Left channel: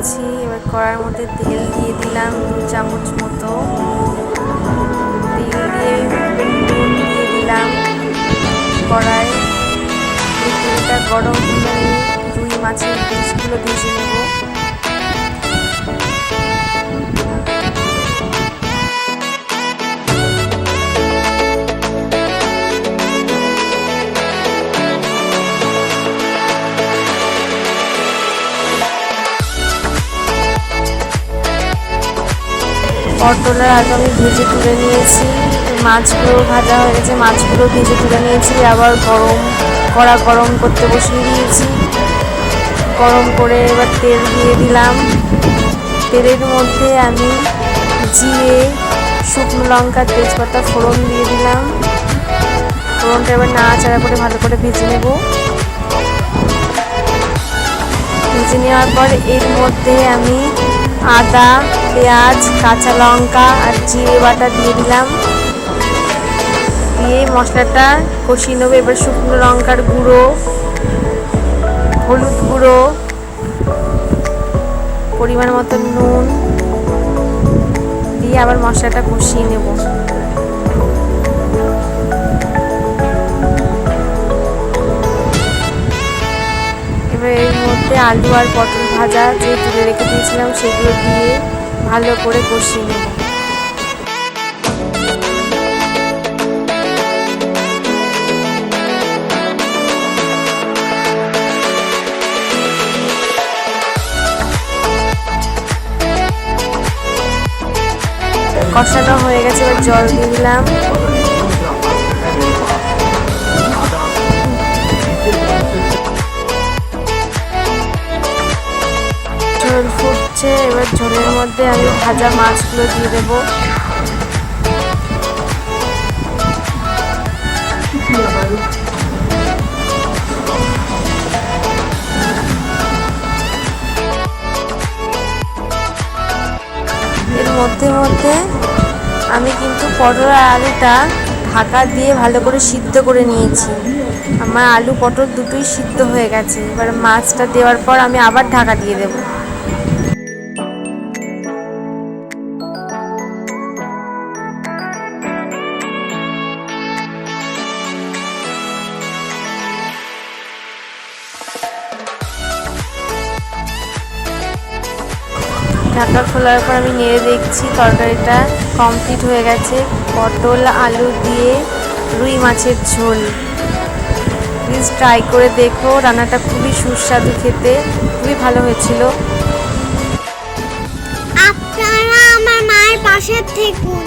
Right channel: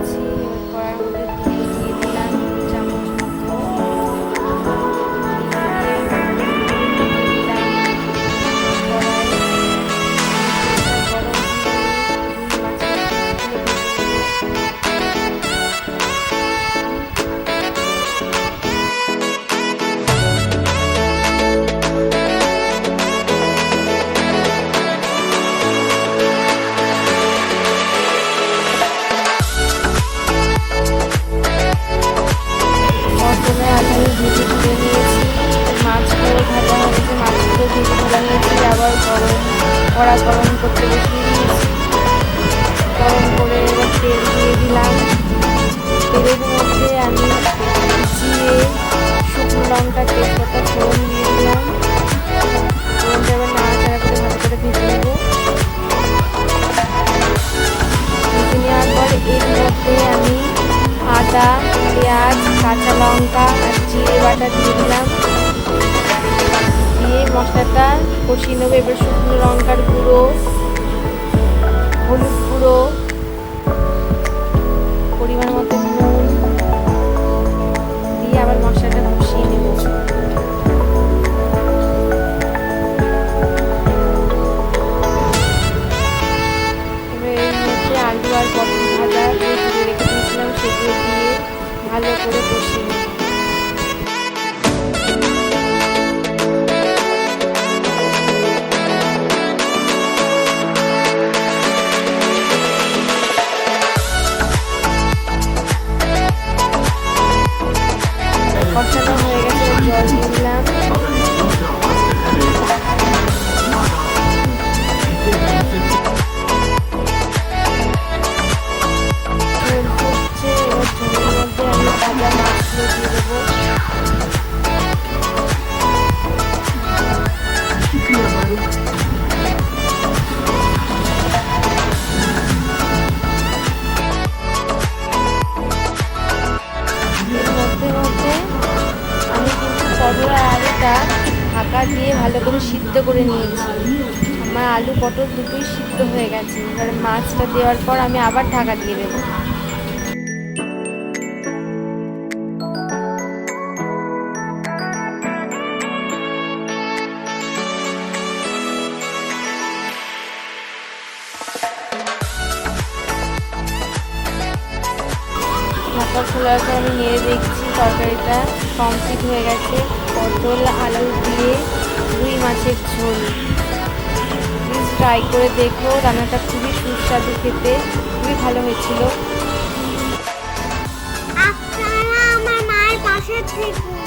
নিয়েছি। এবার কড়ার মধ্যে তেল দিয়ে দিলাম 2 চামচ মতো। তেল দিয়ে নুন দিয়ে দিলাম কড়ায়। তেলটা গরম হলে রুই মাছের পিসগুলো ভেজে নেব। পটল আর আলু আমি ভেজে তুলে নিয়েছি। মাছগুলো ভাজা হয়ে গেছে, মাছগুলো ভেজে তুলে নিয়েছি। আবার কড়া গরম করতে বসিয়ে দিয়েছি। গরম করে এবার তেল দিয়ে দিলাম। তেলের মধ্যে আমি জিরে, শুকনো লঙ্কা, তেজপাতা ফোড়ন দিয়ে দিলাম। ফোড়নটা এবার নাড়াচাড়া করে ভালো করে ভেজে নেব। ভেজে নেওয়ার পর এর মধ্যে আমি আদা, পেঁয়াজ, কাঁচা লঙ্কা আর জিরে বাটা দিয়ে দিলাম। দিয়ে মশলাটা কষিয়ে নেবো। এবার শুকনো লঙ্কার গুঁড়ো, হলুদ গুঁড়ো, পরিমাণ মতো নুন দিয়ে আবার মশলাটা কষিয়ে নেব। এবার এর মধ্যে আলু আর পটল ভাজা যে তুলে রেখে দিয়েছিলাম সেগুলো দিয়ে ভালো করে কষিয়ে নেব। কষানো হয়ে গেছে, এবার জল দিয়ে দিলাম। ঝোল ফুটছে, এবার ঝোলের মধ্যে আমি ভাজা মাছগুলো দিয়ে দেবো। এর মধ্যে আমি কিন্তু পটল আর আলুটা ঢাকা দিয়ে ভালো করে সিদ্ধ করে নিয়েছি। আমার আলু পটল দুটোই সিদ্ধ হয়ে গেছে। এবার মাছটা দেওয়ার পর আমি আবার ঢাকা দিয়ে দেব। ঢাকা খোলার পর আমি নেড়ে দেখছি তরকারিটা কমপ্লিট হয়ে গেছে। পটল আলু দিয়ে রুই মাছের ঝোল। প্লিজ ট্রাই করে দেখো, রান্নাটা খুবই সুস্বাদু খেতে, খুবই ভালো হয়েছিল। আপনারা আমার মায়ের পাশে থেকুন।